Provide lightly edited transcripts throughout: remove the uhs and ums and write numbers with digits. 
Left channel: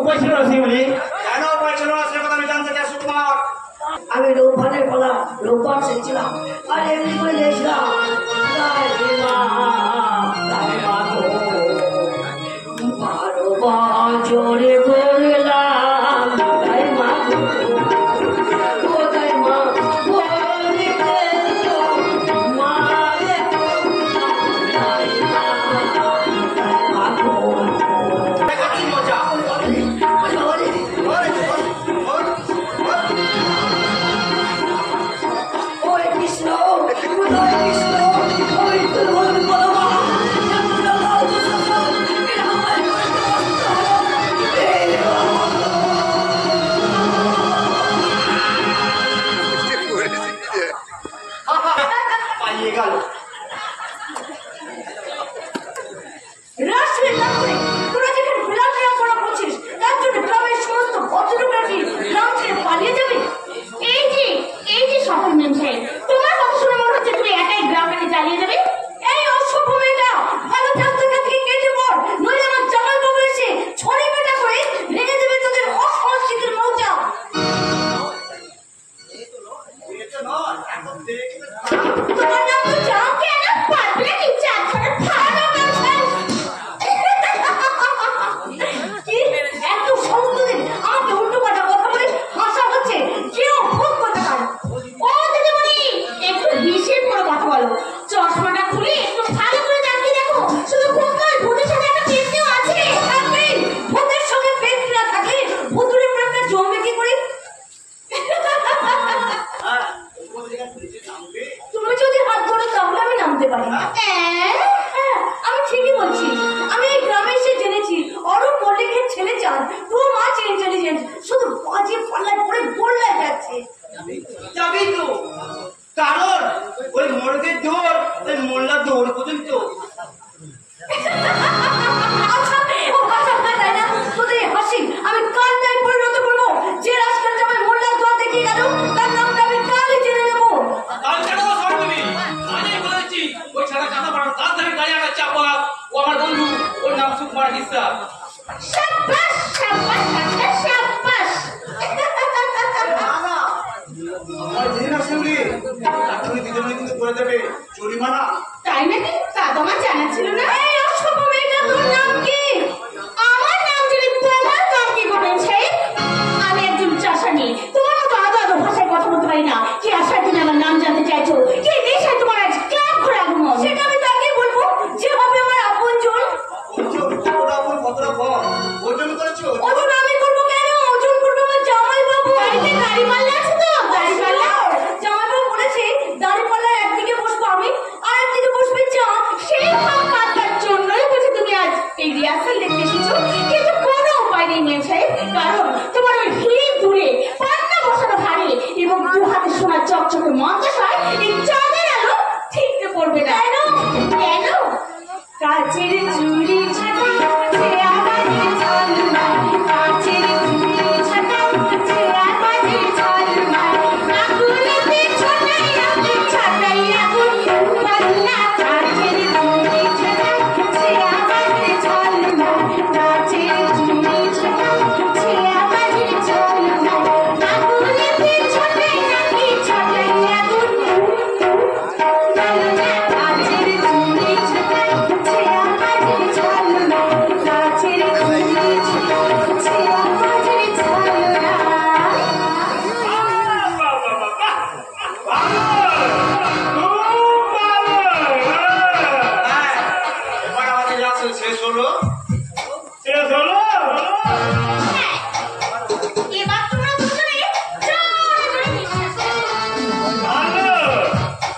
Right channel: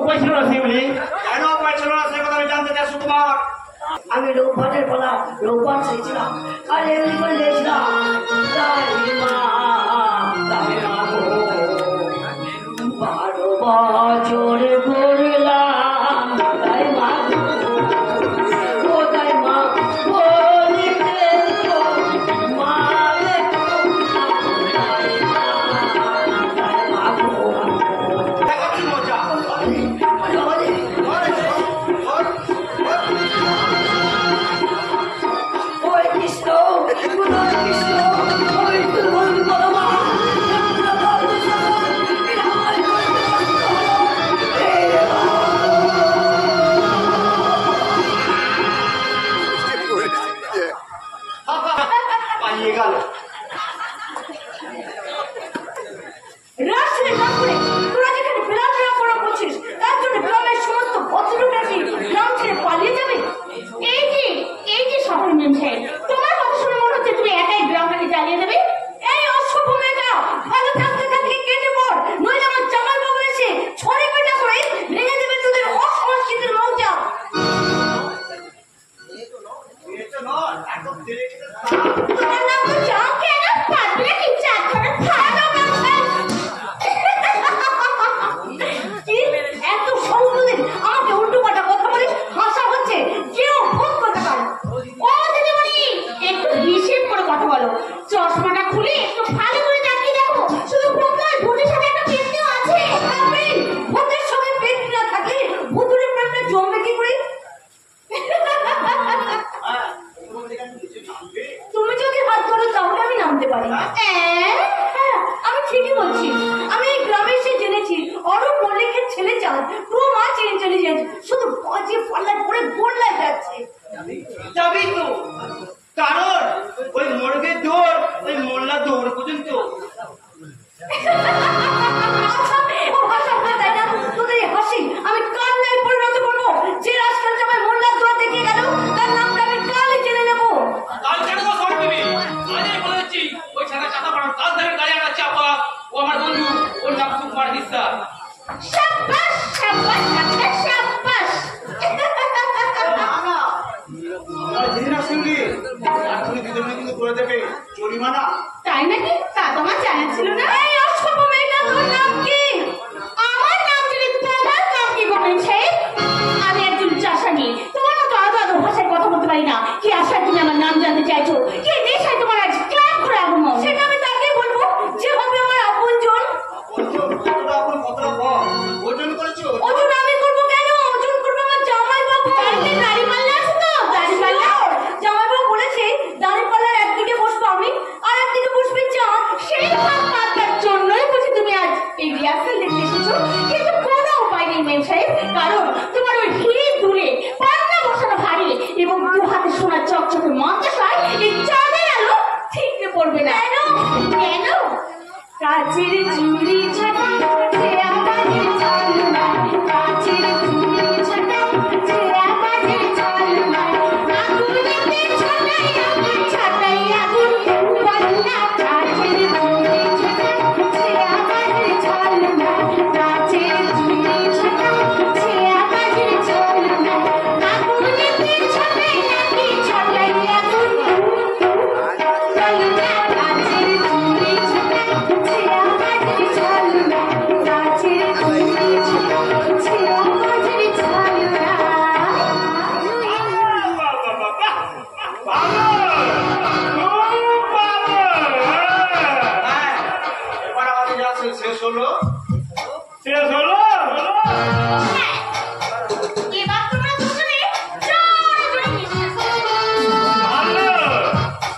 উপায় ছিল না সেগুলি। কেন উপায় ছিল না সে কথা আমি জানতে চাই সুকুমার। আমি রৌপানের পালা রৌপান শিখছিলাম আর এমনি করে গেছিলাম বারো বছর করলাম তাই মা ও তাই মা বলিতে তো মারে তাই মা দেখাচ্ছি মজা। কৃষ্ণ কৃষ্ণ ওই তোর বলমা পালিয়ে গেল। তোরা যেখানে বিরাট গ্রাম করা করছিস তার জন্য গ্রামের সমস্ত ভদ্রলোকেরা গ্রাম ছেড়ে পালিয়ে যাবে। এই যে শহর মেম সাহেব, তোমার কথা শুনে মনে হচ্ছে তুমি একাই গ্রামটাকে জ্বালিয়ে দেবে। এই অসভ্য মেয়েটা, ভালো রাস্তাটা থেকে কেটে পড়, নইলে আমার জামাল বাবু এসে ছড়ে পেটা করে ভেঙে দেবে তোদের অসংস্কৃতির মৌজা। তোমার নাম তো চাও কেন? পারবে না কি চার ধরে ভালো মেম সাহেব? কি এত সংস্কৃতি আমাকে উল্টো পাল্টা কথা বলে হাসা হচ্ছে? কেউ ভোগ করতে পারে? ও দিদিমণি, একটু হিসেব করে কথা বলো। চশমাটা খুলে একটু ভালো করে তাকিয়ে দেখো। শুধু ভূত নয়, ভূতের সাথে একটা পেটনিও আছে। থাকবে। ভূতের সঙ্গে পেটনি না থাকলে ভূতুরের প্রেমটা জমবে কি করে? তুমি যদি হাত ধরো তাহলে আমি নামতে পারি। হ্যাঁ, আমি ঠিকই বলছি। আমি এই গ্রামে এসে জেনেছি অরুণ মল্লিকের ছেলে চান টু মাচ ইন্টেলিজেন্ট, শুধু বাজে পাল্লায় পড়ে গোল্লায় যাচ্ছে। যাবি তো, কারণ ওই মোড়কের দৌড় ওই মোল্লার দৌড় পর্যন্ত। তাই না? তোদের এই হাসি আমি কান্নায় পরিণত করবো। যে রাস্তার জামাই মোল্লার দোয়ার দেখিয়ে গেল তার নামটা আমি কালই জেনে নেবো। কাল কেন সর তুমি? আজই বলে দিচ্ছি, ওই ছাড়া চাঁদা পাড়ার কাল ধরে গাড়ি আনার চাপা। ও আমার বন্ধু, ওর নাম সুকুমার হিস্সা। শাবাশ শাবাশ ডাক্তার, শাবাশ। কিন্তু করে দেবে জরিমানা। তাই নাকি? তা তোমার জানা ছিল না? এই অসভ্য মেয়েটা, তোর নাম কি? আমার নাম জেনে তোমার নাম কি গো মেম সাহেব? আমি একজন চাষানি, তোমার মতো আদো আদো ভাষায় কথা বলতে পারি না। কি আশায় তুমি আমার নাম জানতে চাইছো? কি নেশায় তোমার আজ ক্লাব করে আগমন? সেটা আমি তাকে বলবো যে হবে আমার আপনজন। কতটা কম ওজন করেছো? ওজন আমি করবো কেন? ওজন করবো আমার জামাই বাবু। বাড়িতে গাড়ি পাল্লা আছে তো? গাড়ি পাল্লা জামাই বাবু বলেছে দাড়ি পাল্লার একদিকে বসবো আমি আর একদিকে বসবে চাঁদ। সেই ভাব পাতবার জন্যই বুঝি তুমি আজ এই রিহার্সাল দেখতে এসেছো। কিন্তু কোনো উপায় নেই মেম সাহেব, কারণ তোমার ওই হিড়ি দূরে পান্না বসানো ভারী এবং দু হাতে সোনার চকচকে মন্ত্রসায় এই চাঁদের আলো ঠিকতে পড়বে না। কেন? কাচের চুড়ি ছাটা সে আকাশের ঝলমল, কাচের চুড়ি ছাটা সে আকাশের ঝলমল, আগুনেতে ছাটাই আগুন ছাটাই আগুন বন্যা, কাচের চুড়ি ছাটা সে আকাশের ঝলমল, কাচের চুড়ি ছাটা সে আকাশের ঝলমল, আগুনেতে ছাটাই নাকি ছাটাই আগুন বন্যা, কাচের চুড়ি ছাটা সে আকাশের ঝলমল, কাচের চুড়ি ছাটা সে আকাশের ঝলমল। এবার আমাদের যা শেষ হলো। শেষ হলো? এবার তোমরা দুজনে জোরে জোরে নিঃশ্বাস নাও। ভালো,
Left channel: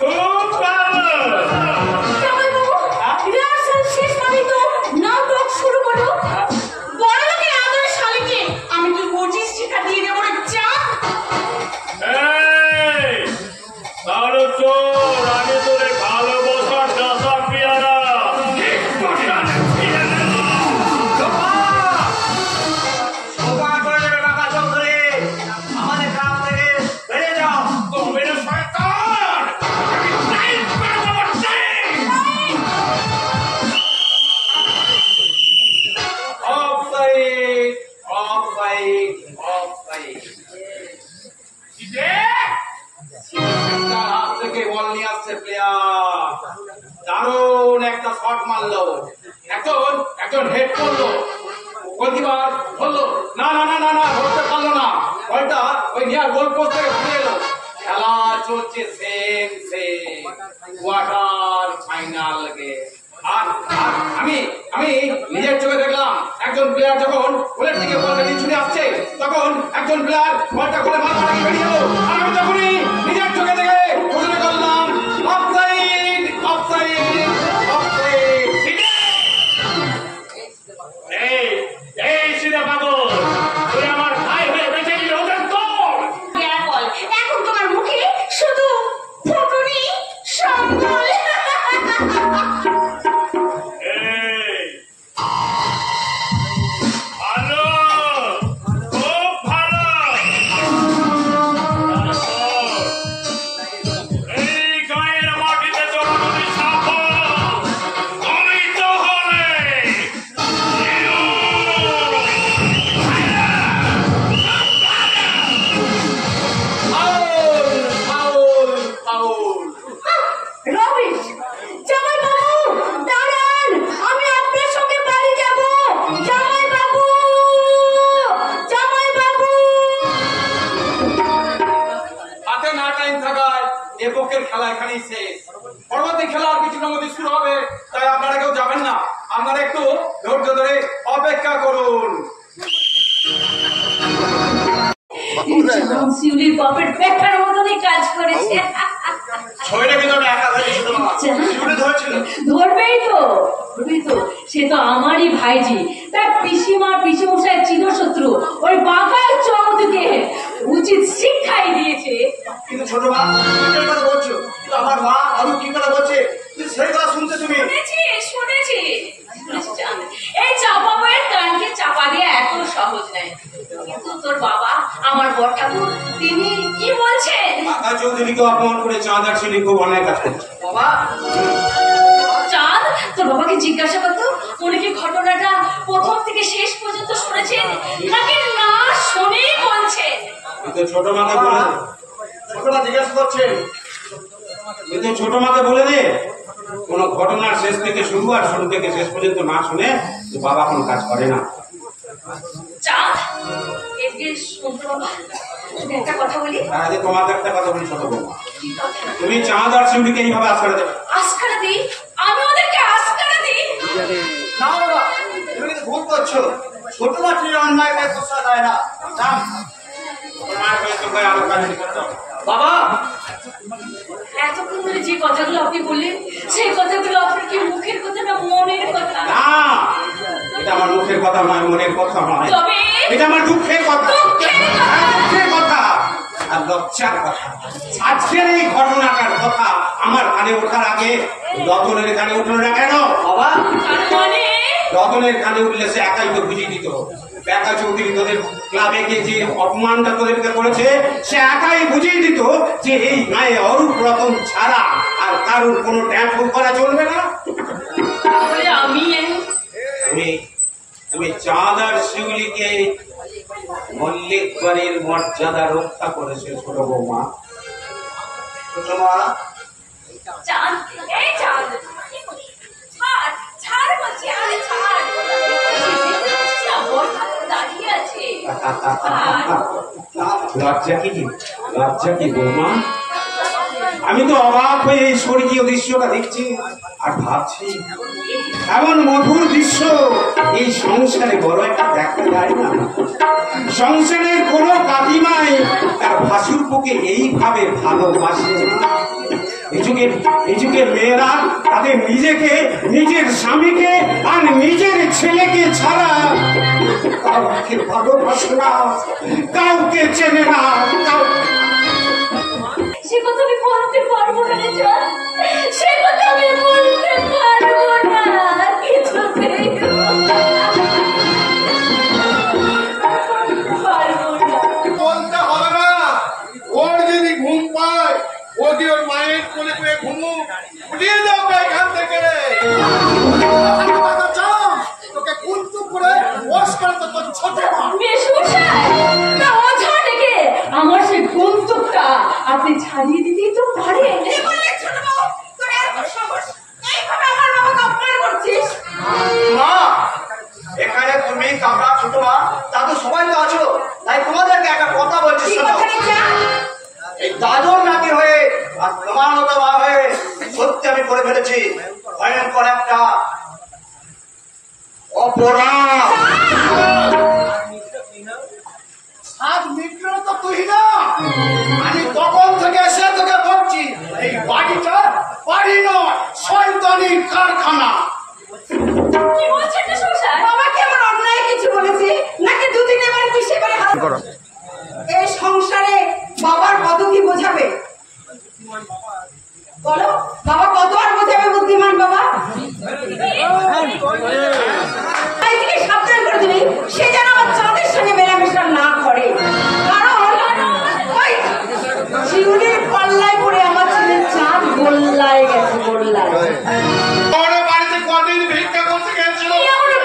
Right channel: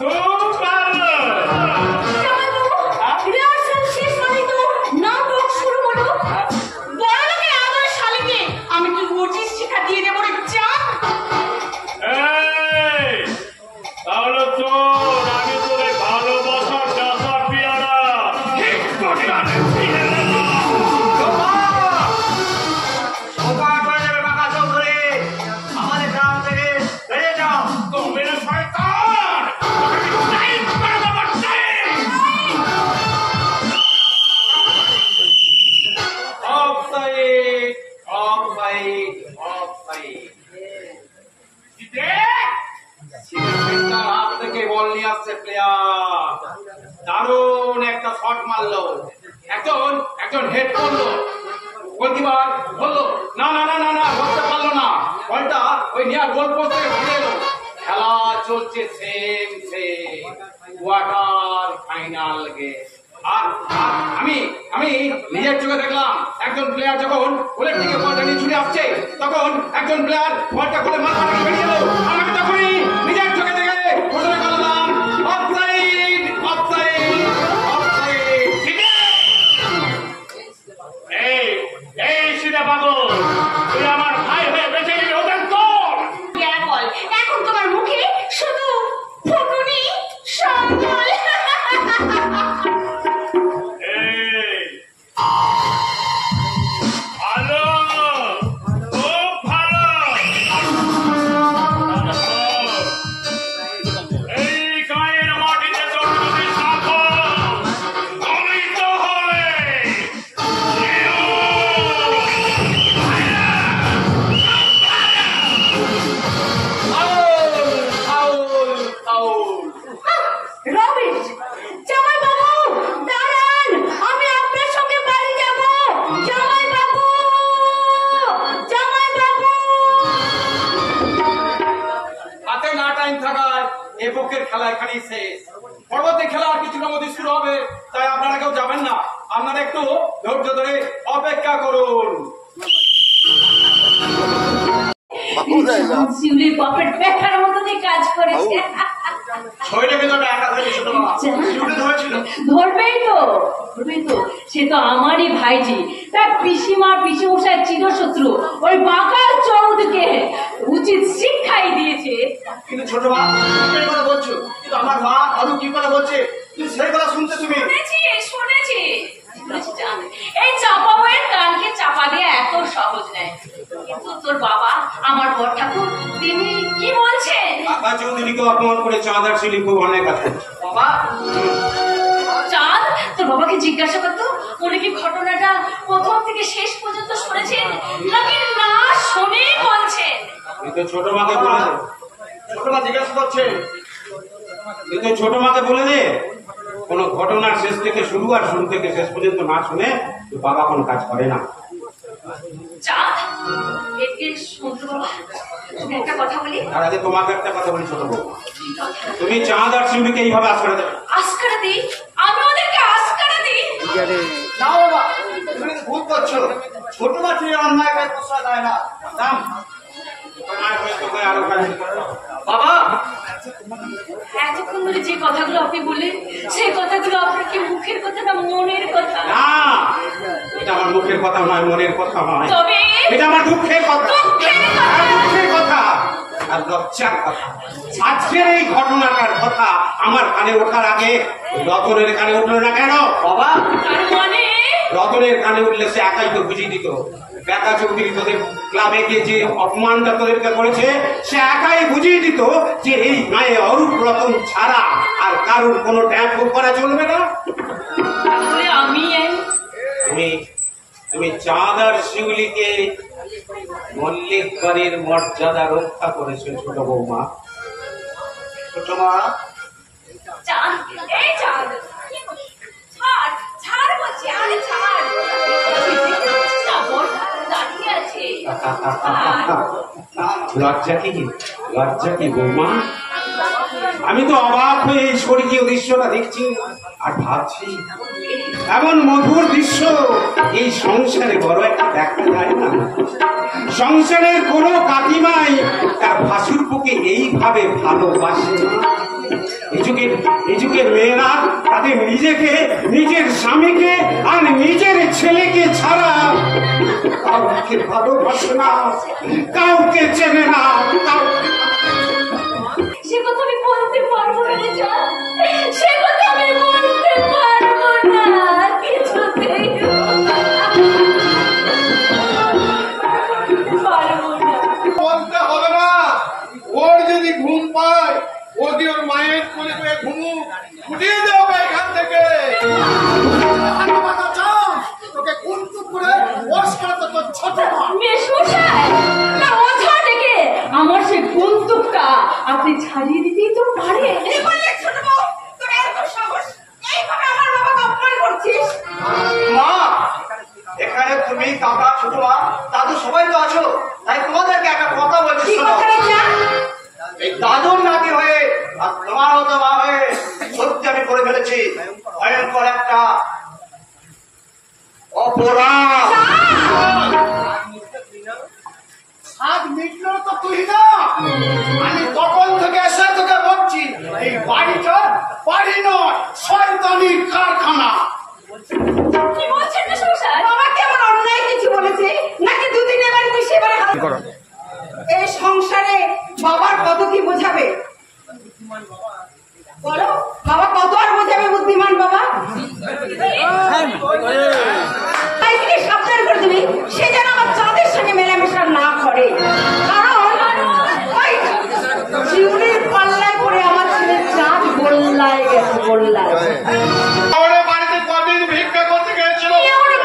খুব ভালো। জামাইবাবু, রিহার্সাল শেষ হলেই তো নাটক শুরু হলো। বড় লোকের আদরের শালিকে আমি কি উচিত শিক্ষা দিয়ে দেবো রে চাঁদ? এই, তাহলে চল আগে তোদের ভালোবাসার দাসা পিয়ারা ঠিক করে আনে ফিরে নেব। সবাই করে দেবে বাঁকা চোখ ধরে আমাদের গ্রাম থেকে বেরিয়ে যাও। তবে রে শয়তান, আমি টাইট করে দেবো, টাইট। অফ সাইড, অফ দারুণ একটা শট মারলো, একজন একজন হেড করলো, গোলকিপার বললো না না না না না ধরতে পারলো না, বলটা ওই নিয়ার গোল পোস্ট থেকে ঘুরে এলো। খেলা চলছে same same, quarter final game. আর আর আমি আমি নিজের চোখে দেখলাম একজন প্লেয়ার যখন গোলের দিকে বলটা নিয়ে ছুটে আসছে, তখন একজন প্লেয়ার বলটা গোলে মাথা রেখে বেরিয়ে এলো, আর আমি তখনই নিজের চোখে দেখে ঘোষণা করলাম অফসাইড অফসাইড অফসাইড। এই এই সিধা পাগল, তুই আমার ভাই হয়ে বেঁচে গেলি, ওদের তোর বল এখন তোমার মুখে শুধু ফুটুনি সম্বল। এই ভালো, খুব ভালো। তাহলে শোন, এই গায়ের মাটিতে তোর যদি সাফল্য গণিত হলে ফাউল ফাউল ফাউল। রবিশ, জামাই বাবু দাঁড়ান, আমি আপনার সঙ্গে বাড়ি যাব। জামাই বাবু, জামাই বাবু। হাতে না টাইম থাকায় এ পক্ষের খেলা এখানেই শেষ। পরবর্তী খেলা আর কিছুটার মধ্যে শুরু হবে, তাই আপনারা কেউ যাবেন না, আপনারা একটু ধৈর্য ধরে অপেক্ষা করুন। শিউলির বাপের পেটার মতনই কাজ করেছে। ছয়টা কিন্তু আমরা একা ধরে ছোট বাবা শিউলি ধরেছিল। ধরবেই তো, ধরবেই তো। সে তো আমারই ভাইজি, তার পিসিমা পিসিমশাই চিরশত্রু। ওই বাঁকা চৌধুকে উচিত শিক্ষাই দিয়েছে। কিন্তু ছোট মা তুমি এই কথা বলছো, কিন্তু আমার মা অন্য কি কথা বলছে তুমি সেই কথা শুনতে তুমি। শুনেছি শুনেছি। এই চাপা বইয়ের কানকে চাপা দেওয়া এত সহজ নয়। কিন্তু তোর বাবা আমার বড় ঠাকুর তিনি কি বলছেন? কাকা চৌধুরীকে অপমান করে চাঁদার ছিলি খুব অনেক কাজ করছে। বাবা চাঁদ, তোর বাবাকে জিজ্ঞাসা করতো উনি কি ঘটনাটা প্রথম থেকে শেষ পর্যন্ত শুনেছেন নাকি না শুনেই বলছেন? কিন্তু ছোট মাকে বলে দে, ছোট মা জিজ্ঞাসা করছে। কিন্তু ছোট মাকে বলে দে কোন ঘটনার শেষ থেকে শুরু আর শুরু থেকে শেষ পর্যন্ত না শুনে তো বাবা কোনো কাজ করে না। চাঁদ, এদিকে শুনতে বাবা, তোকে একটা কথা বলি। তার আগে তোমাকে একটা কথা বলি ছোট বৌমা, তুমি চাঁদ আর শিউলিকে এইভাবে আজকারা দেবে না। আস্কারা দিই? আমি ওদেরকে আস্কারা দিই? না বাবা তুমি কিন্তু ভুল করছো, ছোট মা ঠিক অন্যায় কাজ প্রশ্রয় দেয় না। জান তোমার হয়ে তোমরা আরো কাজ করতে হবে। বাবা এতক্ষণ ধরে যে কথাগুলো আপনি বললেন সেই কথাগুলো আপনার কি মুখের কথা না মনের কথা? না, এটা আমার মুখের কথা নয়, মনের কথা নয়, তবে এটা আমার দুঃখের কথা। দুঃখের কথা। হ্যাঁ, দুঃখের কথা আর লজ্জার কথা। আজকের এই ঘটনাটার কথা আমার কানে ওঠার আগে রতনের কানে উঠলো না কেন? বাবা তার মানে রতনের কানে উঠলে সে একাই তো বুঝিয়ে দিত। বেকা চৌধুরী তোদের ক্লাবে গিয়ে যে অপমানটা তোদেরকে করেছে সে একাই বুঝিয়ে দিত যে এই গায়ে অরূপ রতন ছাড়া আর কারোর কোনো ট্যাপ করা চলবে না। তাহলে আমি তুমি তুমি চাঁদ আর শিউলিকে মল্লিকগণের মর্যাদা রক্ষা করেছে ছোট বৌমা। ছোট মা চাঁদ, এই চাঁদ, ছাড় ছাড় বলছি, আরে ছাড়। না, বল দাঁড়িয়ে আছে। লজ্জা কি লজ্জা কি বৌমা? আমি তো অবাক হয়ে এই স্বর্গীয় দৃশ্যটা দেখছি আর ভাবছি এমন মধুর দৃশ্য এই সংসারে বড় একটা দেখা যায় না। সংসারের কোনো কাকিমাই তার ভাসুরপুকে এইভাবে ভালোবাসে না। এই যুগে মেয়েরা তাদের নিজেকে, নিজের স্বামীকে আর নিজের ছেলেকে ছাড়া কাউকে ভালোবাসে না, কাউকে চেনে না। সে কথা আমি বলতে পারবো না রে চাঁদ, সে কথা আমি বলতে পারবো না কিছুতেই পারবো না। বলতে হবে না, ওর যদি ঘুম পায় ও কি ওর মায়ের কোলে করে ঘুমুক, উঠিয়ে দাও এখান থেকে। তোকে কুন্তুক করে ওয়াশ করে তো তোর ছোট মা। মেশমশাই, না ওঝা ডেকে আমার সেই বন্দুকটা আপনি ছাড়িয়ে দিতেই তো পারেন। বললে ছোট বউ, তোর এত সাহস, এই ছোট মা, দাদু সবাই তো আছো, তাই তোমাদেরকে একটা কথা বলছি কি শোনো। কথা রে চাঁদ? এই দাদুর নাতি হয়ে আর তোমার মতো মা হয়ে সত্যি আমি করে ফেলেছি ভয়ঙ্কর একটা অপরাধ। হাত মিটলো তো তুই না, আমি তখন থেকে এসে তোকে বলছি এই বাড়িটা বাড়ি নয়, শয়তানির কারখানা। কি বলছেন না সংসার? বাবা কেমন অন্যায় কিছু বলেছে নাকি দুদিনের বাড়ি তুই সেবারে হাত করো? এই সংসারে বাবার কত কি বোঝাবে বলো? বাবা কত আর বোঝাবে বুদ্ধিমান বাবা? তাইকে সাবধান করে দিবি সে যেন আমার চাঁদের সঙ্গে মেলামেশা না করে, কারণ ওই শিউলির পাল্লায় পড়ে আমার ছেলে চাঁদ গোল্লায় গেছে, গোল্লায়। আমাদের বাড়িতে কদিন ভিক্ষা করতে গেছিল?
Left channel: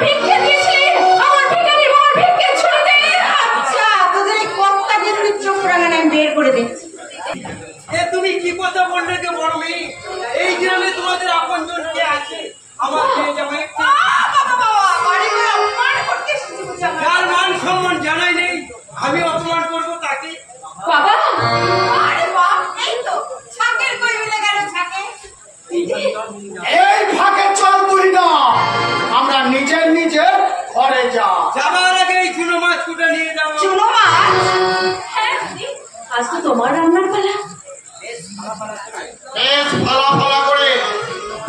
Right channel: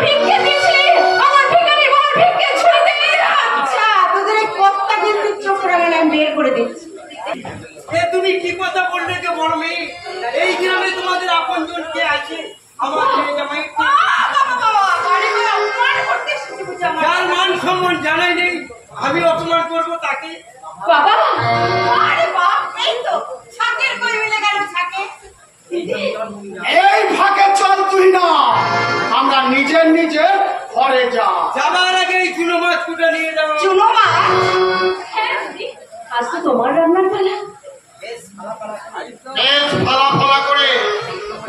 ভিক্ষা দিয়েছিলি আমার ভিখারি বল ভিক্ষা ছুড়ে দে। আচ্ছা তোদের এই কর্তা কিন্তু চোখ রাঙানে আমি বের করে দিচ্ছি। তুমি কি কথা বললে যে বড় মেয়ে? এই গ্রামে তোমাদের আপনজন কে আছে? আমার ছেলে জামাই বাবা বাবা বাড়ি করে অপমান করতে এসেছি বুঝি আমার। যার মান সম্মান জানাই নেই, আমি অপমান করবো তাকে? বাবা আরে বাপ এই তো ছাকের কই মিলে গেল ছাকে। এই ফাঁকে চল তুই না, আমরা নিজের নিজের ঘরে যা। যাবার আগে এই চুনো মাছ কুটা নিয়ে যাবো। চুনো মাছ? হ্যাঁ দিদি, আজ তো তোমার রান্নার পালা। বেশ ফলা ফলা করে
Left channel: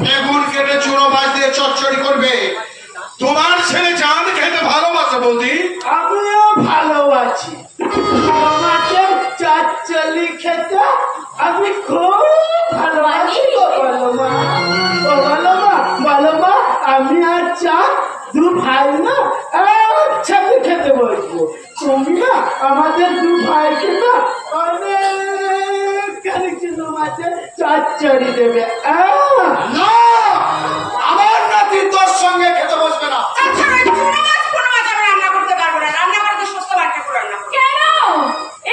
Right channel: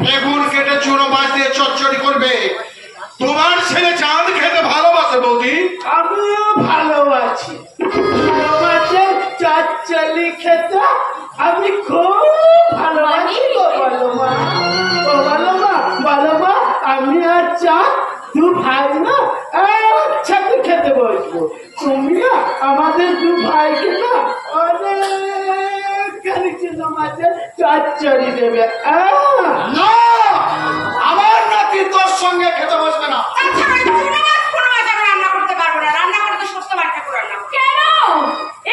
বেগুন কেটে চুনো মাছ দিয়ে চচ্চড়ি করবে। তোমার ছেলে চাঁদ খেতে ভালোবাসে বৌদি। আমিও ভালোবাসি মাছের চচ্চড়ি খেতে, আমি খুব ভালোবাসি গো। বলো মা, ও বলো মা, বলো মা, আমি আর চাঁদ দু ভাই না একসাথে খেতে বসবো। তুমি না আমাদের দু ভাইকে না অনেকখানি চুনো মাছের চচ্চড়ি দেবে। না, আমার নাতি তোর সঙ্গে খেতে বসবে না। আচ্ছা ওই চুনো মাছ কোনো মাছ আমি রান্না করতে পারবো না, রান্না করতে সস্ত বাট্টা করে রান্না করবো। কেন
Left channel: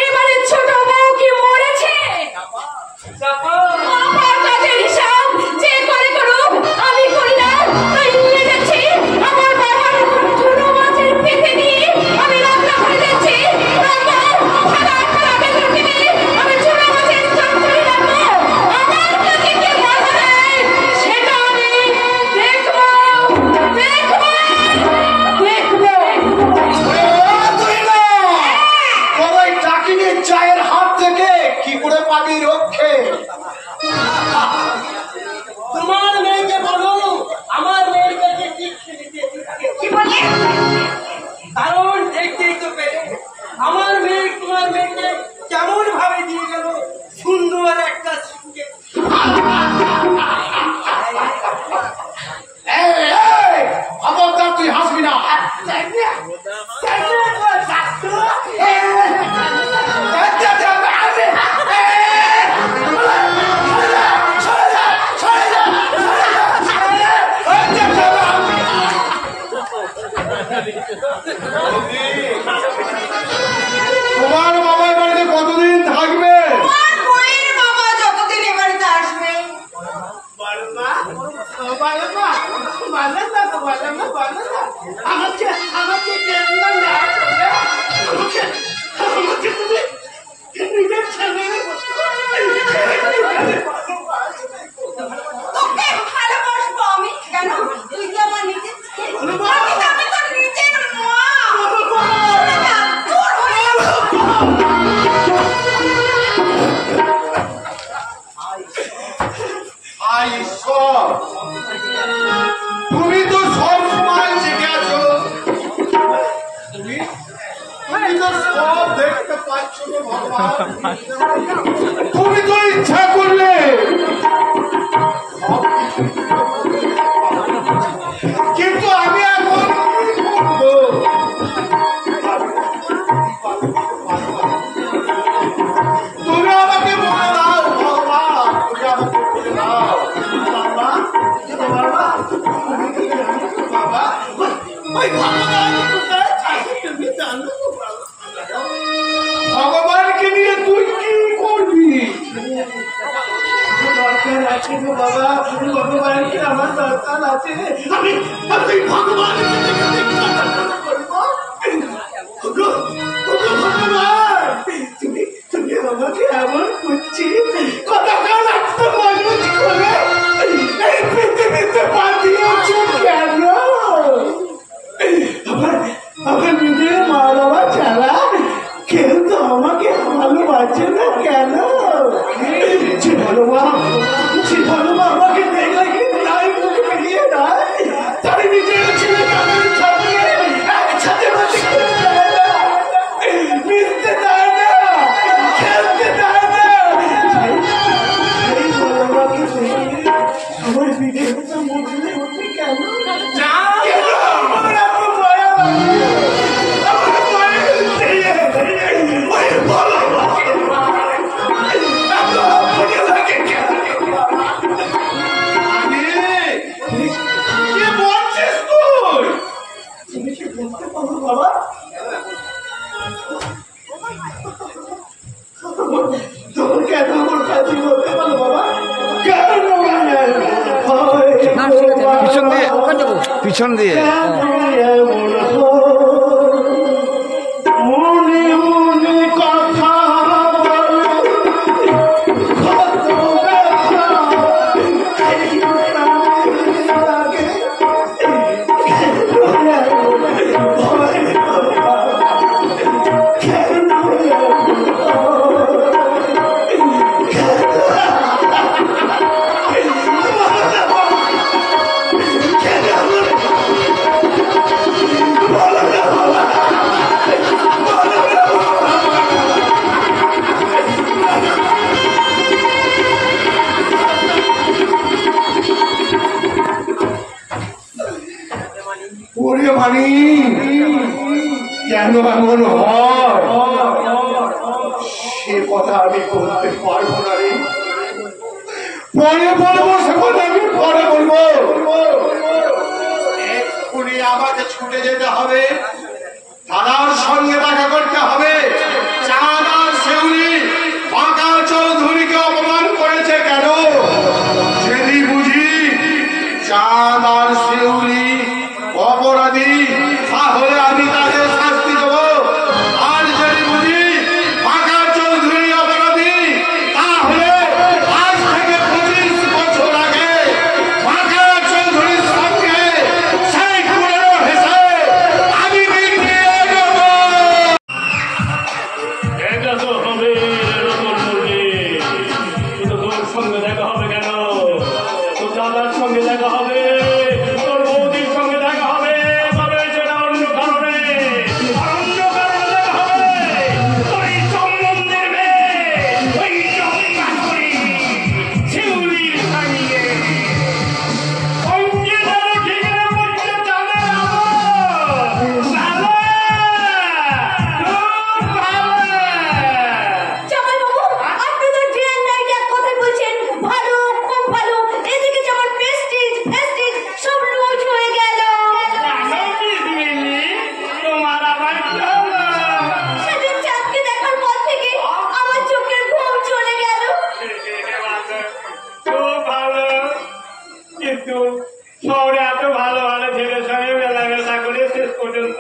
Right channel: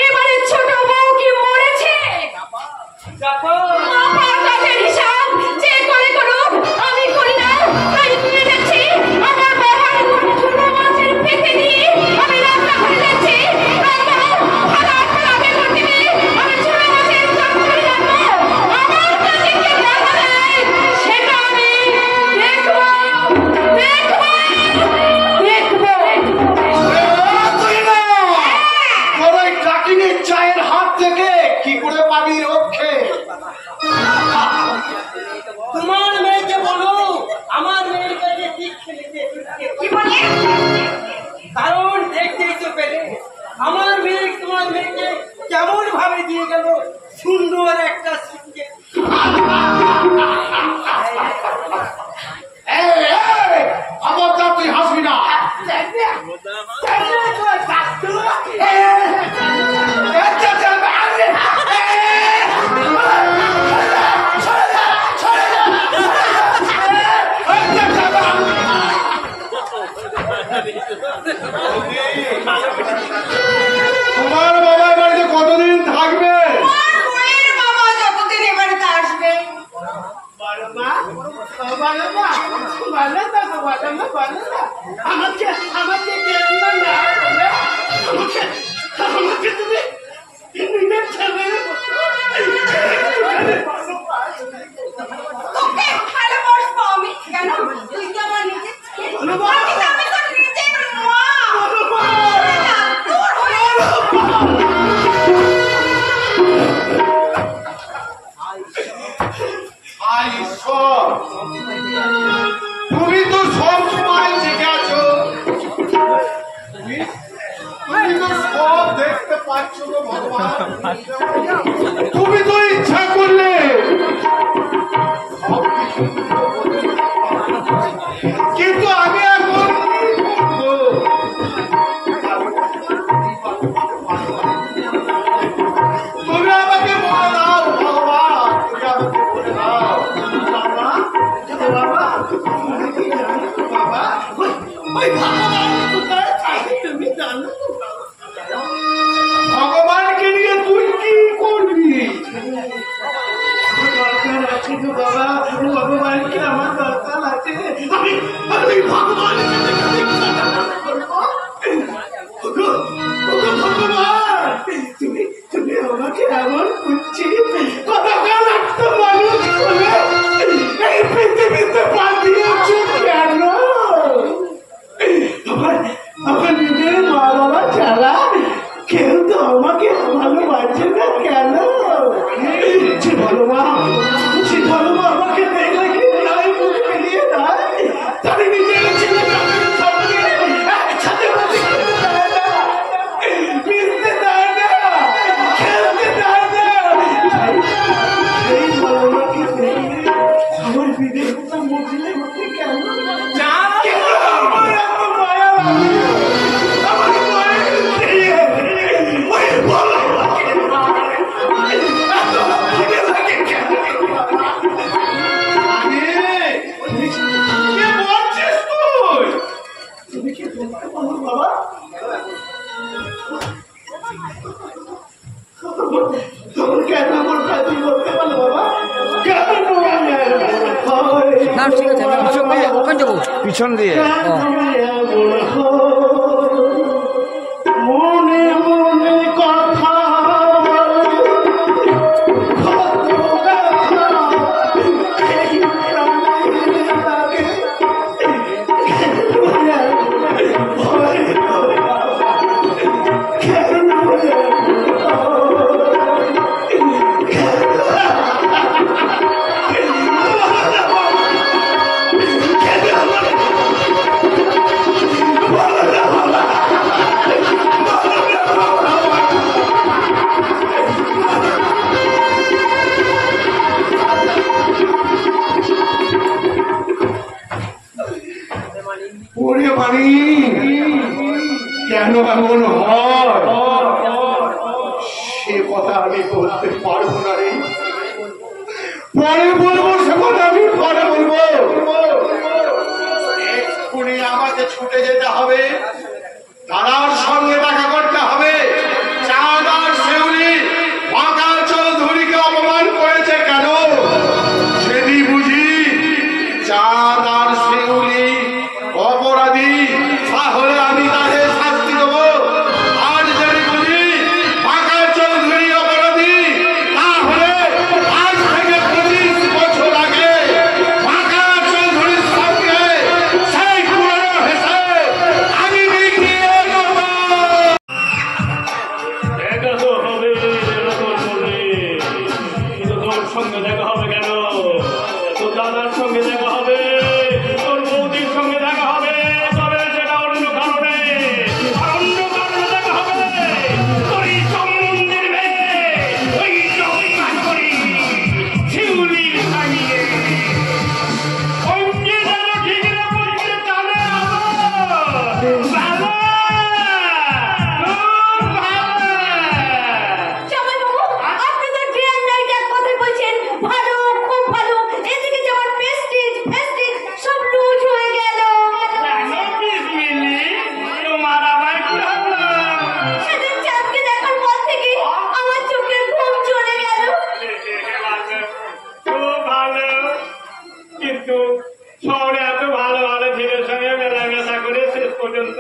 এবারে ছোট বউ কি মরেছে? আমার কাজের হিসাব যে করে করুক আমি করি না, তাই নিয়ে যাচ্ছি আমার বাবার চুনো মাছের পেটে নিয়ে আমি রান্না করে যাচ্ছি। থালা থালা বেগুন দিবে, আমি চুনো মাছের চচ্চড়ি রাখবো। আমার কাছে কে বাধা দেয় সেটা আমি দেখবো দেখবো দেখবো। তুই না তোর ওই ডাকিনীর চায়ের হাত থেকে কি করে পাবি রক্ষে? তোমার মেয়েকে বলো আমার মেয়ের কাছে ঠিক খেলেছে। কি বলি? কারণ দেখতেই তো পেলে আমার মেয়ে তোমার মেয়েকে কেমন ভাবে দিয়ে গেল সুন্দর একটা সুখে। খবরদার তুই হাসবি না। তোমার বাবার বাড়িতে কতদিন থাকবে? আমার বইয়ের বাবা যতদিন এ বাড়িতে আসবে। বলো মা, ও বলো মা, বলো না তো, বলো না, বলো না। আমাকে কেন্দ্র না করে আমাকে তুমি নিজের ছেলে তোকে ভালোবাসবো আমি। কেন? তুই কি আমার নিজের ছেলে? আমি তো তোর নিজের মা। না, তোর হয়ে আই ঈশ্বর, তুমি তো সব সময় জেগে আছো। তুমি তো সব দেখতে পাচ্ছ গো ভগবান। তুমি তো ইচ্ছা করলে সবকিছু কিন্তু আমি এখন কি করবো? তুমি আমাকে বলে দাও ভগবান, তুমি আমাকে বলে দাও। বাবা, বাবা, বাবা, ওই ভগবান কোথায় থাকে তুমি জানো তো বাবা? ভগবানকে নিয়ে তুই কি করবি? দরকার আছে গো বাবা, ভগবানকে আমার দরকার আছে। আমি ভগবানকে দেখে করবো। ভগবান, তুমি তুমি আমাকে এমন করছি কতক্ষণ একটা মানুষ করে এই পৃথিবীতে পাঠিয়েছ কেন? আমার নিজের মা বাবা ছাড়া কেউ তো আমাকে ভালোবাসে না কেন? বলো মা, বলো মা, আমাকে দেখলে কি নাই মুখে বেরিয়ে দেয়? তাহলে নিজের ছেলে কাদের সামনে একসাথে মিশতে দেয় না, খেলতে দেয় না। সেই বলো মাকে দেখলে আমার বিদের কথা মুখলে হতে কেন? কেন আমার এত মায়া লাগে? আমার মায়া দিয়ে ওই বলো মাকে এত ভালো লাগে কেন? কে বলছিস তুই? তুমি কি বলতে পারো বাবা? তোর কেন আমার কাছে বলতে পারো বাবা? কেন পিছন দিয়ে মনে মনে কথা কত ব্যথা এই প্রাণে লাগে। ওরে মানি কেন এমন হয় সে কথা আমি বলতে পারবো না রে, পরে বলবো সে কথা আমি পরে বলবো। এক্ষুনি আমাকে ছুটে যেতে হবে, দাদার সঙ্গে দেখা করতে হবে। চাঁদ আর শিউলি বাঁকা চৌধুরীকে অপমান করেছে কেন? যদি বুঝি চাঁদ আর শিউলি অপরাধী তাহলে আমি তাদের শাস্তি দেব, আর যদি বুঝি বাঁকা চৌধুরী অপরাধী তাহলে আজ থেকে 25 বছর আগে বাঁকা চৌধুরীর সঙ্গে সেই পুরনো হেসে আমি বিক্রিয়ে দেব। এটা তো হবে রতন মুরগি, কিন্তু তোর সঙ্গে দেখা হবে কেন? তোর দাদার সঙ্গে দেখা হবে, তোর বৌদির সঙ্গে দেখা হবে, তবে সেটা অন্য কারণে, আর অন্য কারণে দেখা হবে তোর এই সম্বন্ধের মেয়ে, ওই চম্পাকরি শিউলির সঙ্গে। অঙ্গে যেন ঠিকরে পড়ছে চাঁদের আলো। ভালো, খুব ভালো। জামাইবাবু, আপনি তো ডে এন্ড নাইট এক কথাই বলছেন, ভালো, খুব ভালো। এদিকে যেমন প্রেস্টিজ সব লুজ হয়ে গেল। জানো পিসমিনি, তোমার আবার কি হলো? সেদিন চাঁদকে দেখার পর থেকে আমার চোখের ঘুম চলে গেল। ভালো, খুব ভালো। কিন্তু শহরে এত ভালো ভালো ছেলের সঙ্গে মেলামেশা করে শেষ পর্যন্ত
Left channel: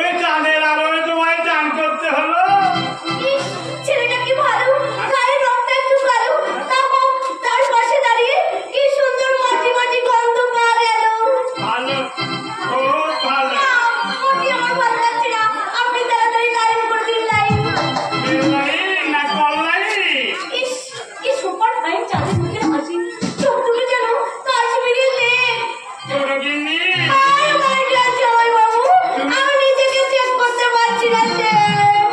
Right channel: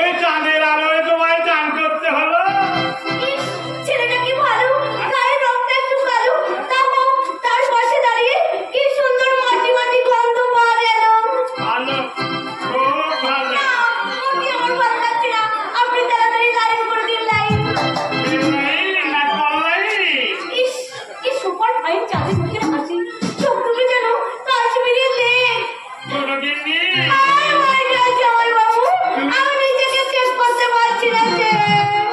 ওই চাঁদের আলোয় তোমায় চান করতে হলো। ইস, ছেলেটা কি ভালো, গায়ের রংটা একটু কালো, তাও তার পাশে দাঁড়িয়ে কি সুন্দর মাটি মাটি গন্ধ পাওয়া গেল। ভালো, খুব ভালো। মোটি আমার ভালো লাগছে না, আপনি তাড়াতাড়ি লাইন করে দিন, লাইন। বিল্লাই না কল্লাই? ইস, কি সুপার ফাইন চাঁদের মুখের হাসি, চোখ দুটো যেন কাশ্মীরি লেক। ছোট গিন্নি, আর মাই ডিয়ার জামাইবাবু, আমি নিজেকে চেক করতে পারছি না যে।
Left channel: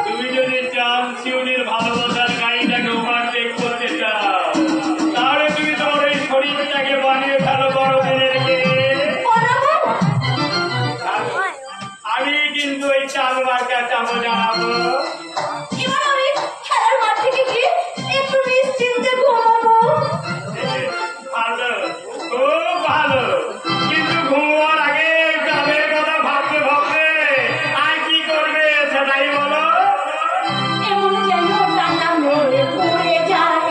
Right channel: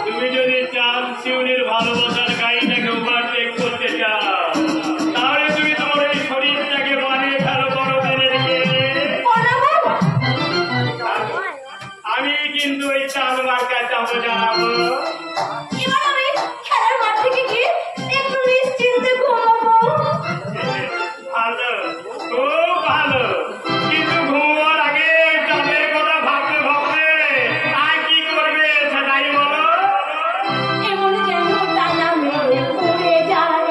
তুমি যদি চান শিউলির ভালোবাসার গাড়িটাকে ওভারটেক করতে চাও, তাহলে তুমি তোমার এই শরীরটাকে বানিয়ে ফেলো বড় দিনেরকে। বানাবো? আমি কিন্তু ওই চাঁদ মার্কা চাবো জানাবো। এবার আমি খেলার মাঠ থেকে গিয়ে একটু নিশ্চিন্তে ঘুমাবো। ভালো, খুব ভালো। কিন্তু ঘুমার আগে চাঁদের কথা ভাবতে ভাবতে আর কি করবে সেটাই বলো। এমন যেন ডানা মেলে উড়ে যায়,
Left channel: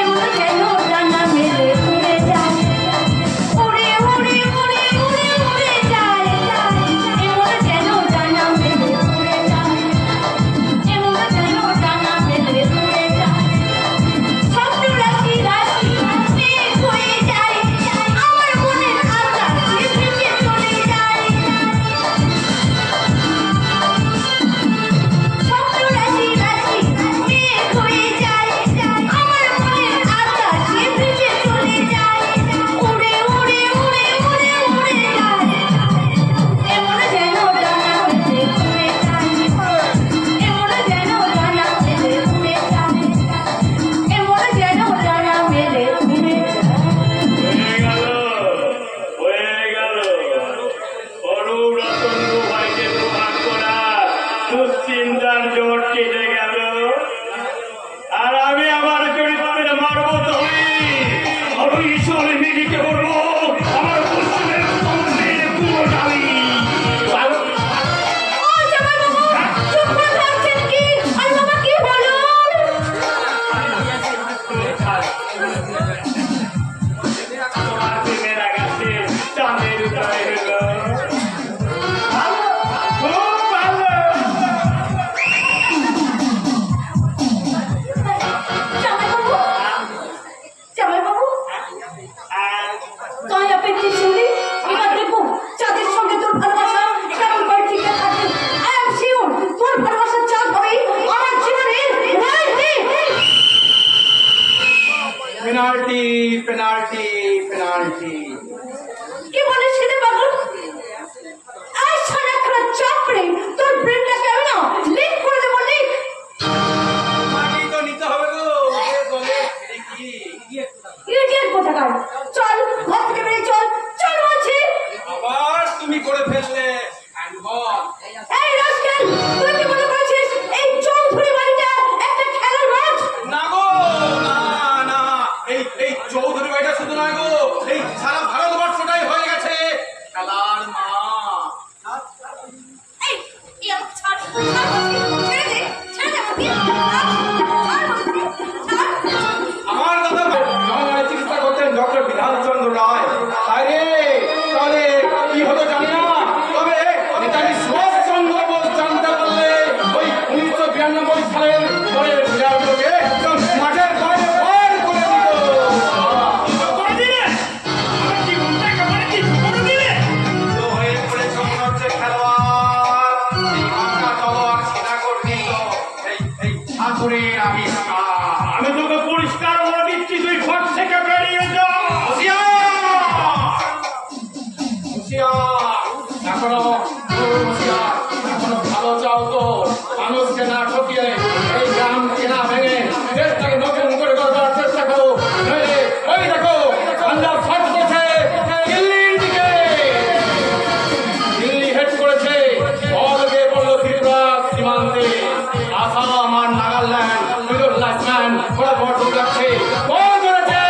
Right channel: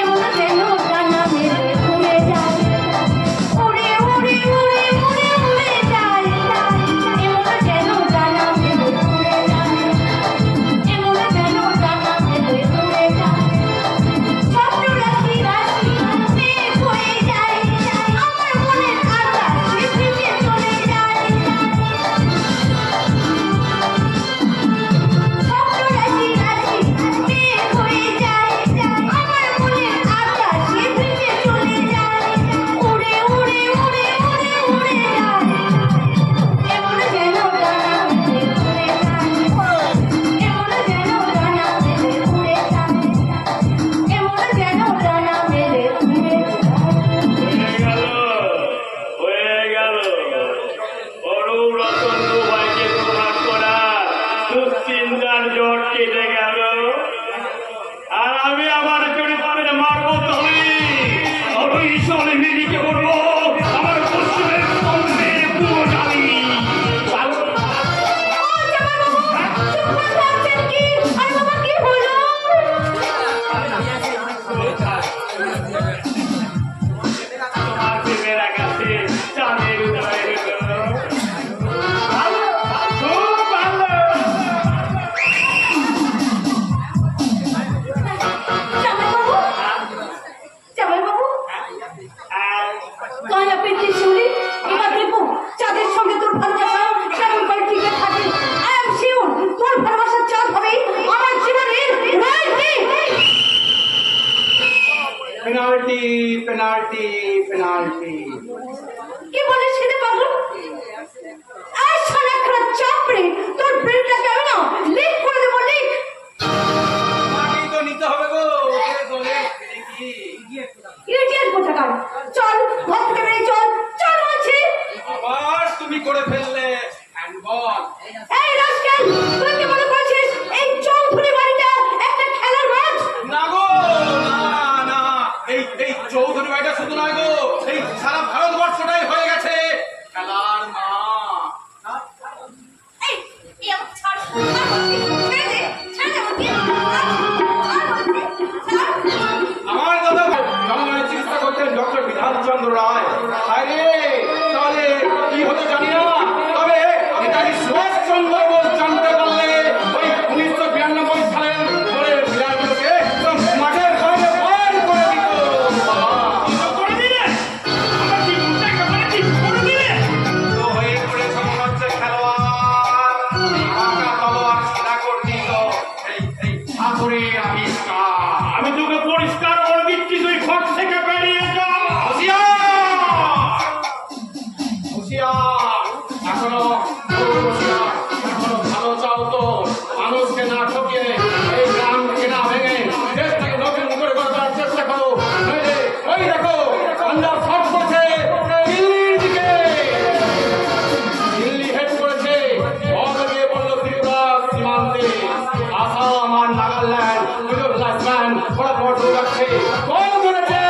এমন যেন ডানা মেলে উড়ে যায়, উড়ে উড়ে উড়ে উড়ে উড়ে যায়, এমন যেন ডানা মেলে উড়ে যায়। কায়া পেটে চুরি এবার দেখবো চাঁদের সঙ্গে তোর ভালোবাসা কেমন করে টিকে থাকে। আই এম শিওর তোর ভালোবাসার চাঁদ হবে আমার জীবনের পেনাল্টি পেনাল্টি পেনাল্টি। কি বলে ছেলে পাগল? আর সারাক্ষণ চাপড়ে তোর ব্রেনটা কেমন না লিক করে দেবো লিক। মাটি তো নিতে হবে গো, এ দলে কি ইডিয়েট কোথাকার, চল ঘর থেকে বেরিয়ে চল, চল বলছি। আবার তুমি করে ফেললে হ্যান্ডবল। এই রাস্কেল, তুই কি মনে করছিস এই চৌধুরী বাড়িটা একটা খেলার মাঠ? না গো, না না, এই চৌধুরী বাড়িটা শুধু নয় গো, এই সারা ভারতবর্ষটাই হয়ে গেছে খেলার মাঠ। এই এই আমাকে ছাড়, ছাড় বলছি, ছেড়ে দে, ছেড়ে দে আমাকে, ছাড় বলছি, ছাড়। আমার দাদা জনগণের চিকিৎসা করতেন ডক্টর বিধানচন্দ্র রায়। আরে তাহলে কি হতো জানি না, তবে নেতাজি সুভাষচন্দ্র বোস জানতে পারলে ওই 1992 সালের পরের বিড়ালগুলোকে একদম মাঠের বাইরে বার করে দিত। করে দিলে আমার জীবনটা একেবারে ঠিক করে দিলে। তো হয়ে পড়েছে মনে হচ্ছে খেলোয়াড়, এই বাঁকা তলোয়ার সিধা করে দিল এই ঠাকুরের আবিষ্কার। আমি তোকে পরিষ্কার করে দিচ্ছি, তুই ঘর থেকে বেরিয়ে যা। এখনো ভালো চাও তো, মানুষকে না ঠকিয়ে এই গ্রামকে না ভেঙে দেশটাকে নতুন করে গড়বার চেষ্টা করো, নইলে ওই দেখো পাঞ্জাব শর্ট করছে দিল্লির দিকে, দিল্লি হেড করেছে, বল গিয়ে পড়লো ত্রিপুরা সীমান্তে, আসাম আর নাগাল্যান্ড মিডল ফটাফট দৌড়াচ্ছে, বল করেছে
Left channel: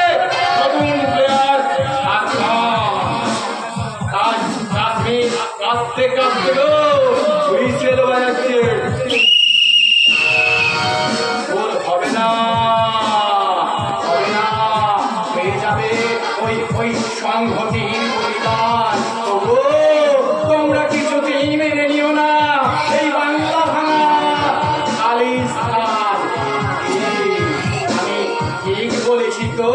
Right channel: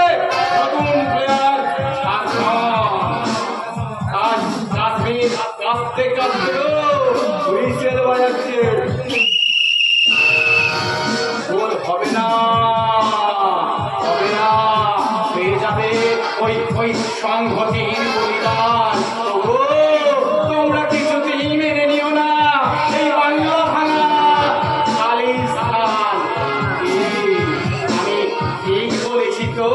নতুন প্লেয়ার কাশ্মীর, কাঁদতে কাঁদতে গো হুইসেল বাজাচ্ছে, গোল হবে না, হবে না, পেয়ে যাবে ওই সংহতির পরিবার। তবু তোমরা কিছুতেই মেনে নিও না এই বাংলা ভাঙা খালিস্তান। আমি ঠিক বলেছি তো?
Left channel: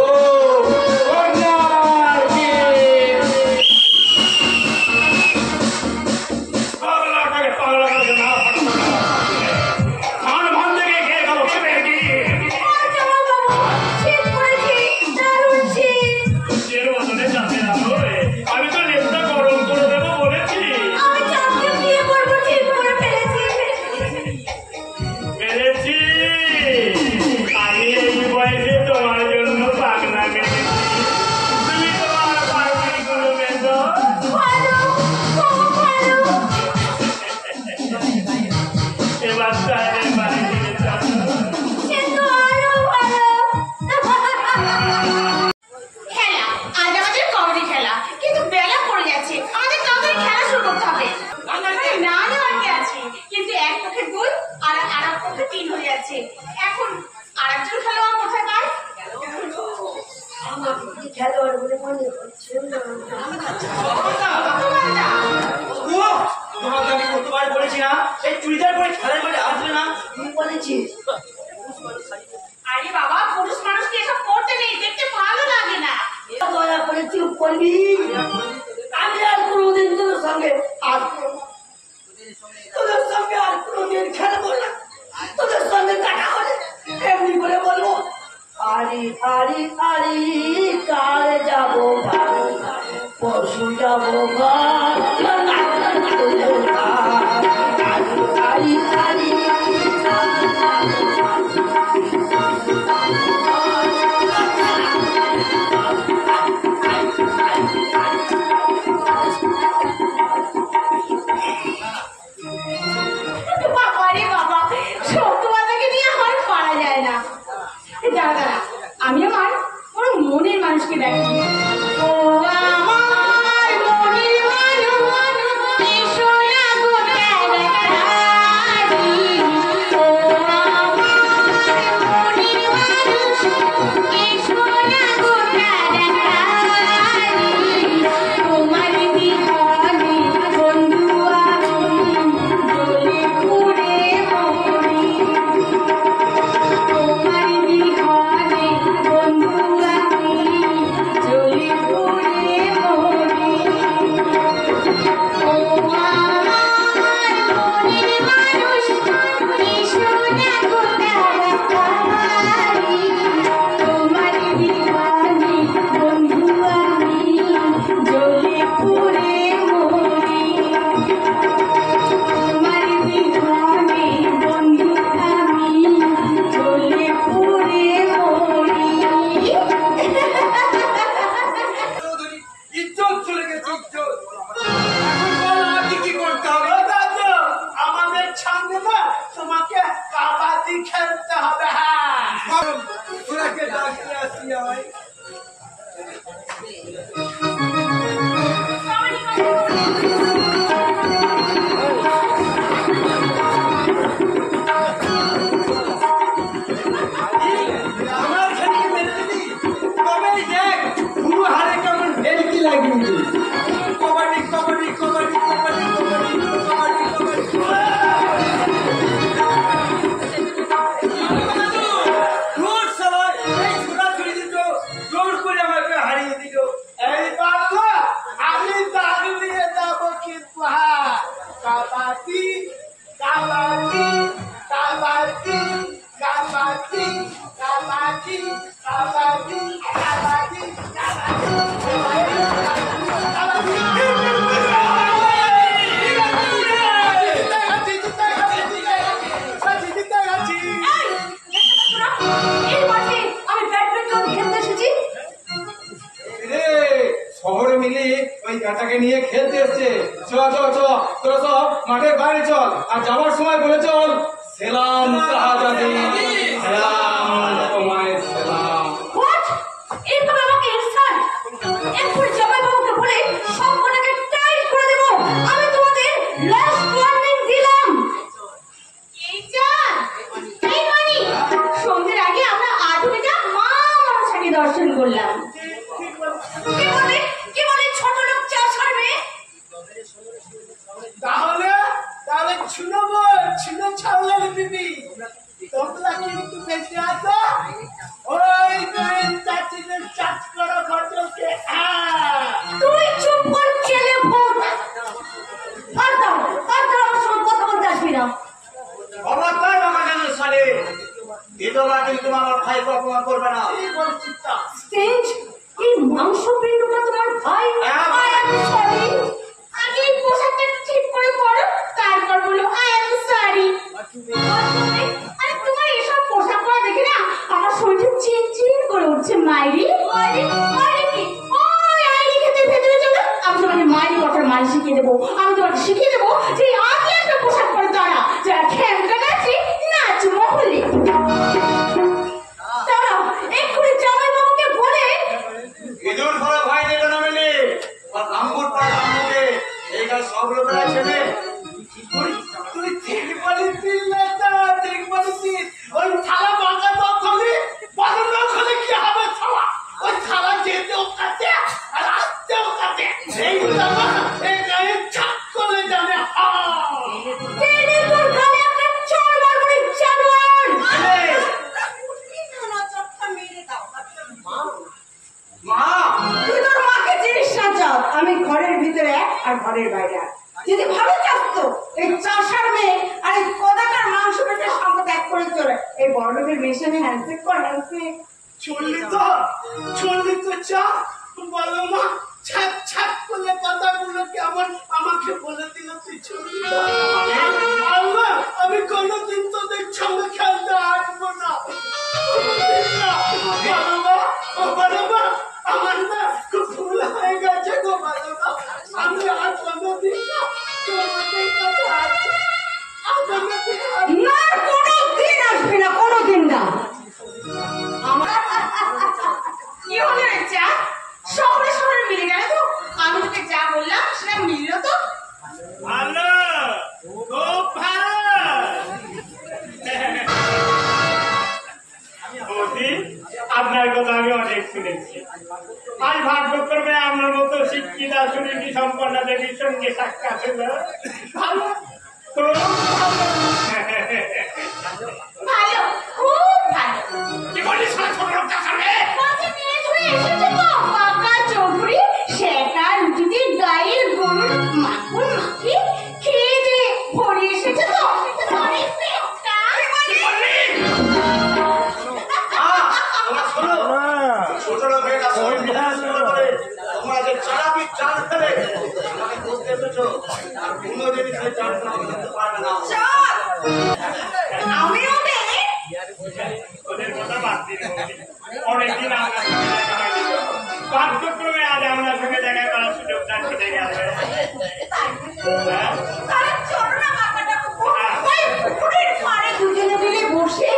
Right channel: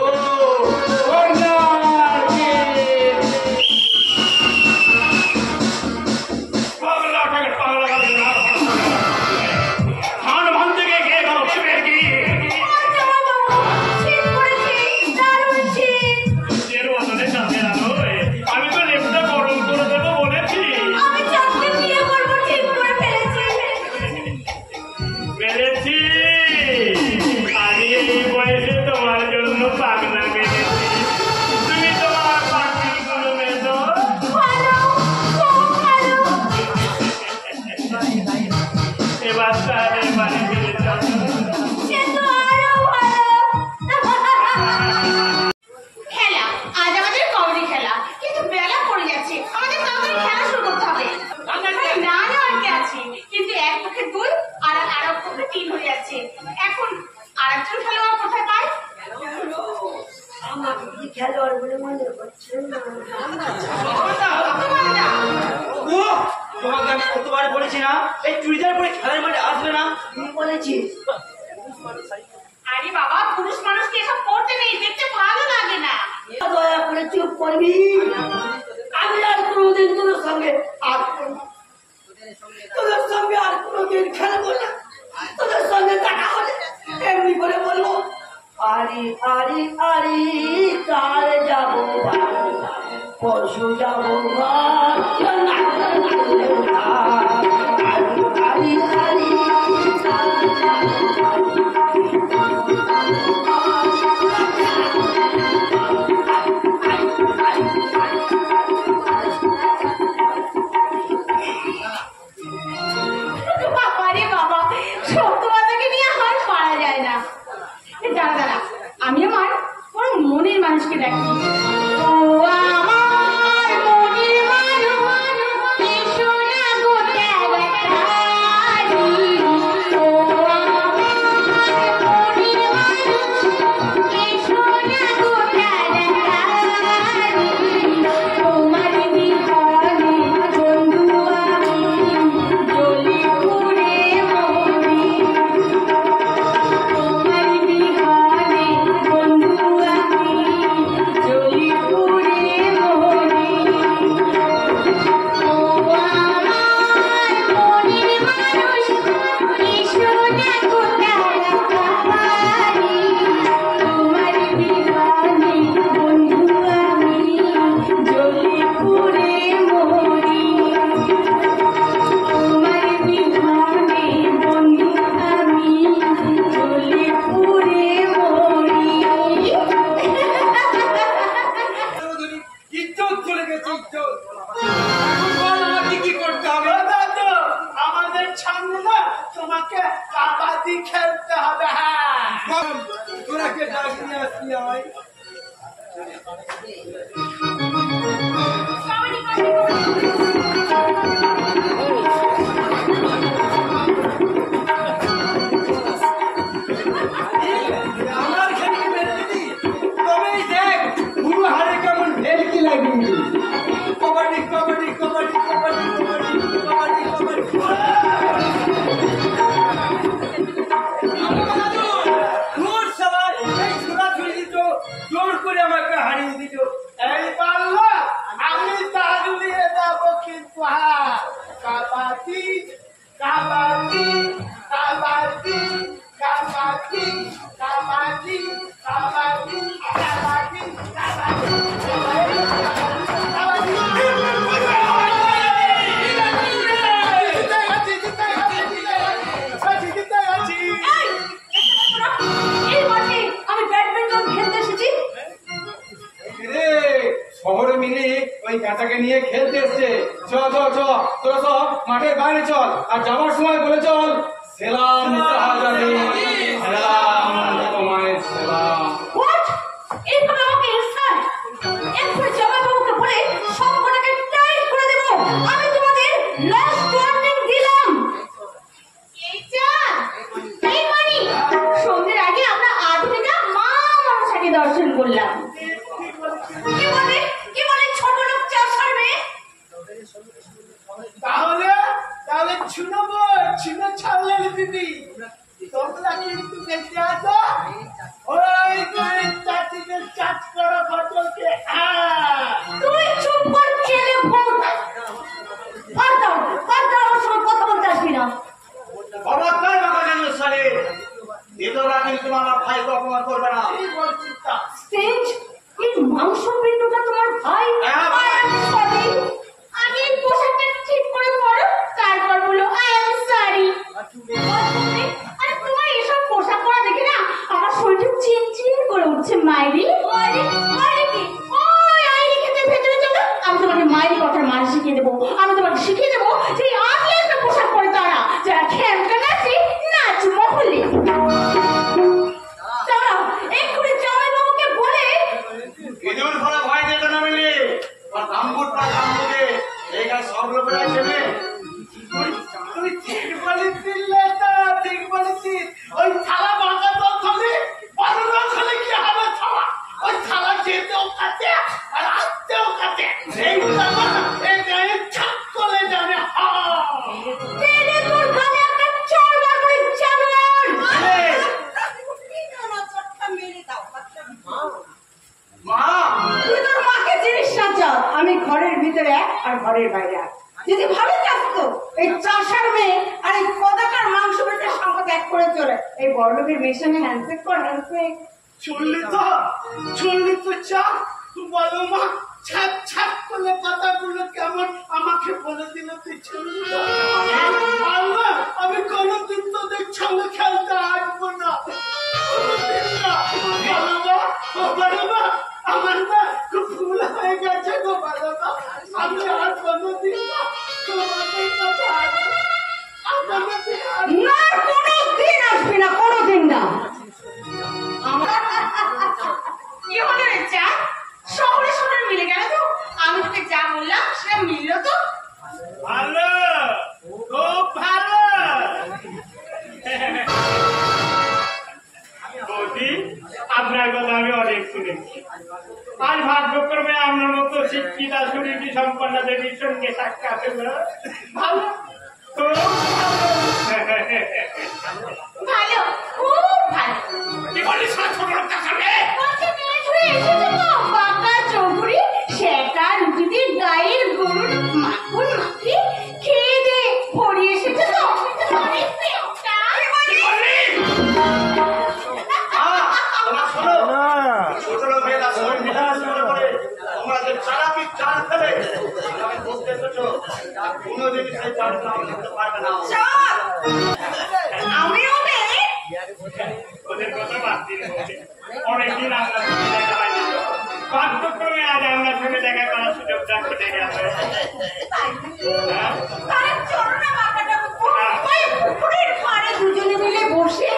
আর জামাই বাবু, শীত পড়েছে, দারুণ শীত। আমি তো লেপটা গরম করে দেবো বলেছি। আমি চাঁদকে বিয়ে করবো ঠিক করে ফেলেছি। পেরেছি, আমি এই বয়সে তোমার জন্য পাগলা মেরেছি, তুমি তোমার পাখিগুলো মেধো। ভালো, খুব ভালো। এবার তাহলে বাড়ি ফিরে চলো। সে তো আরো ভালো। খেলা, আজ আমাদের কবাডি খেলা, কিন্তু বেলা পড়ে যাচ্ছে, আমাদের তাড়াতাড়ি খেলা শুরু করতে হবে। না নেওয়ার কি আছে, কিন্তু এক পক্ষে 2 আর এক পক্ষে 3 হয়ে যাচ্ছে। এখন আরেকজন খেলোয়াড় কোথায় পায়? আমার কি খেলোয়াড় বলে মনে হচ্ছে না। তোমার না। তোমাকে আমি কতবার বলেছি না এই চুড়িদার পরে খেলার মাঠে আসবে না? তুই বলেছিস আরে বাবা, পুরুষ মানুষকে এসব করতে নেই, দেখতে ভালো লাগে না। দয়া করে চুপ করবি। আমি আর কোনোদিন তোদের সঙ্গে আসবো না, তোদের সঙ্গে আর কোনোদিন খেলবো না। তোদের সঙ্গে দেখা হলে এমনি করে বলবো, আরি আরি আরি কার যাবো বাড়ি, পশু যাবো ঘর, আরি আরি আরি কার যাবো বাবারে বাবা, সত্যবাদাকে নিয়ে আর পারা যায় না। দাঁড়া দাঁড়া, আমি আমার মনের মানুষকে ডাকি। ও আমার মনের মানুষ। কাবাডি খেলতে হবে। হ্যাঁ, তোরাকে ডাক নিয়ে আসি আয়। আমার খেলকে মেরে দিলি, তবেই দেখ পুরো হাড়ে কেমন ভেলকি লাগিয়ে দিলি। কবাডি কবাডি কবাডি কবাডি কবাডি কবাডি কবাডি। জোর সবাই এই ছোড়াছুড়ি দিত, জোর করে আমাকে হারিয়ে দিত। এই বাংলা আমি দাগ নিয়ে যাবো কিন্তু। হ্যাঁ, কাবাডি কাবাডি কাবাডি কাবাডি কাবাডি কাবাডি কাবাডি এই মাঠে আমি ব্যাডমিন্টন খেলতে এসেছি। রে শহরে মিলি ওই গাটাকে নিয়ে খেলতে এসছে। চ চ চ তোরা সব মাঠের বাইরে চল, আর যাবার সময় বলে চল সেলাম শাহজাদি, সেলাম তোমায় সেলাম। হোয়াট? এইভাবে আমাকে ইনসাল্ট? এক্ষুনি জামাইবাবুকে বলে সবকটাকে টাইট করে দেব। আমি তোমাদের লাস্ট ওয়ার্নিং দিলাম। এই চাঁদ, এই মানি, সন্ধ্যের আগে আমরা আধুনিকা মা মনসাকে দর্শন করলাম। কি বলে ছোট লোক চা ছাড়বে? তাহলে ছুনবো, ছুনে ছাড়লে দিদি তোমরা কিন্তু বেঁচে আছো। ওই চাচিদের চাচ করো ফটলকে। তুই চুপ কর ছেলে ভূত। আর দাও আমার সঙ্গে কথা বলতে আসবি না। খবরদার বাবা কেন সালে, বিধবা কিন্তু আমার ভাইকে অপমান করবে না। কি বলছিস তা? স্টেজ, এই মাংস পিণ্ডটা তোমার ভাই? I am sorry। আগে এই পোশাকটা একটু ঠিক করে পরো, তারপর বলো I am sorry। আরে তোমার এসব পোশাক পরা দেখে না আমার শরীরটা চিনচিন করে উঠছে। মাইরি মাইরি মাইরি কি? ওই আইরি খেতে ভেতরে চলো, আমি তোমাকে মাইরি কথার মানে শিখিয়ে দেবো। আমি তোমাকে শিখিয়ে দেবো যে আগে একটা পোশাক পরে তারা যারা খেলতে নাচে নাচ মহলে। দাঁড়াও, এক্ষুনি জামাইবাবুকে বলে ইঁদুর ধরা ভাই দেবে না মিলি, আর গাম্বুট পড়া গাম্বুটে এই গাছ সব লোকেরা চেনে। তুই ঠিক বলেছিস লেটা, ঠিক বলেছিস। ওই থালা বাঁকা তো খলি, বাঁধন খলে কি হবে থালা? ওই থালা যেতেও কাটে আর আসতেও কাটে। এইগুলো এই গায়ে ছাক করে যাবে। তেলে তোর গালে একটা চড় মারবো রে জানোয়ার। মা তুই তোর মাকে জিনিস না চাও। আমি ঘরের ভিতরে এক আর ঘরের বাইরে এক। যদি ভালো চাস তো এই চাষার মেয়ে আর এই কদাকার মাংস পেটের সঙ্গে ত্যাগ করে চলে এই বড়লোকের মেয়ের সঙ্গে হ্যান্ডশেক কর, হ্যান্ডশেক। চললি তো চা বলো মা, ছাপ ছাপ করলে কথাগুলো কেমন আমাকে বলে দিল। তুই চললি তো? আল্লাহ, আমি কোনোদিন তোদের সঙ্গে খেলতে আসবো না, কোনোদিন না। বলো মা, আমার না খুব ভুল হয়ে গেছে গো। বলো মা, আমি আর কোনোদিন না তোমাদের কাছে আসবো। না, কোনোদিন আসবি না, কোনোদিন না। কি হলো রে চাঁদ? শহরে শহরে মিলে গেল তো? আমি তোকে যা বললাম সেটা মিললো তো? ভালো, খুব ভালো। বৌদি, আপনার কথা আমি অনেক শুনেছি। আজ ভাগ্যক্রমে আপনার মতো শিক্ষিতা সুনীতি সম্পন্ন দেবীর সঙ্গে সাক্ষাৎ হলো। ভালো, খুব ভালো। ভালো, খুব ভালো। কি বলিস ছোট লোক চাষারে? বলছি মেয়ে ছুঁয়ে এসেছে তো পাকা চৌধুরী, সেটা রুটি দিয়ে গায়ের গরুর মাখন মাখিয়ে খেয়ে দিয়ে ভরিয়ে এসেছে তো অনেক পেটটা। তোমরা শোনো, ছোট লোকেরা শরীর বিধান করে তোমরা যে চালাকি চাল ফেলে আমি বুঝতে এসেছো, আর কোনোদিনই সেই চাল করতে পারবে না। আমি ওদের ওদের কথা বাদ দিন বৌদি। অনেকদিন আপনার সঙ্গে দেখা হয়নি। ভাগ্যক্রমে আজ আপনার সঙ্গে দেখা করার সুযোগটা ঘটে গেল। তারা চলো না কাকাটা ওই পুকুরের পাড়ে দুজনে মিলে বসে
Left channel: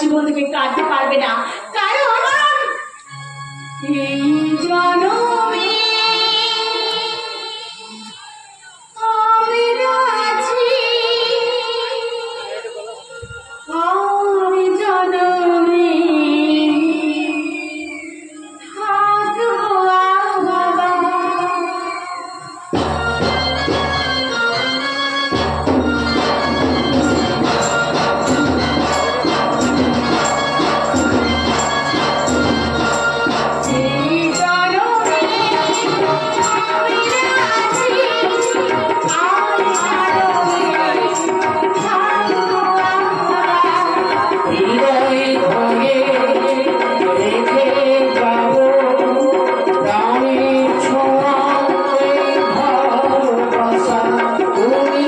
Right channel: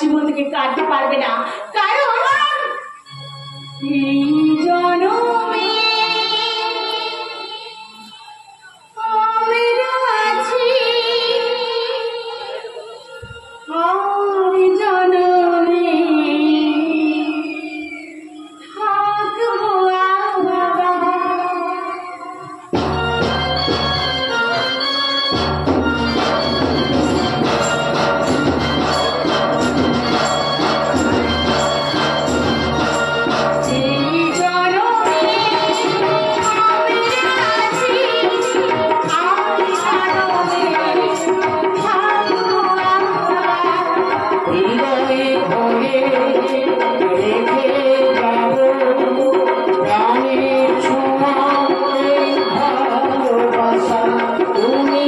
জীবন থেকে কাটতে পারবে না, কারণ এই জনমে আমি আছি, আর জনমে থাকবো আবার। তুমি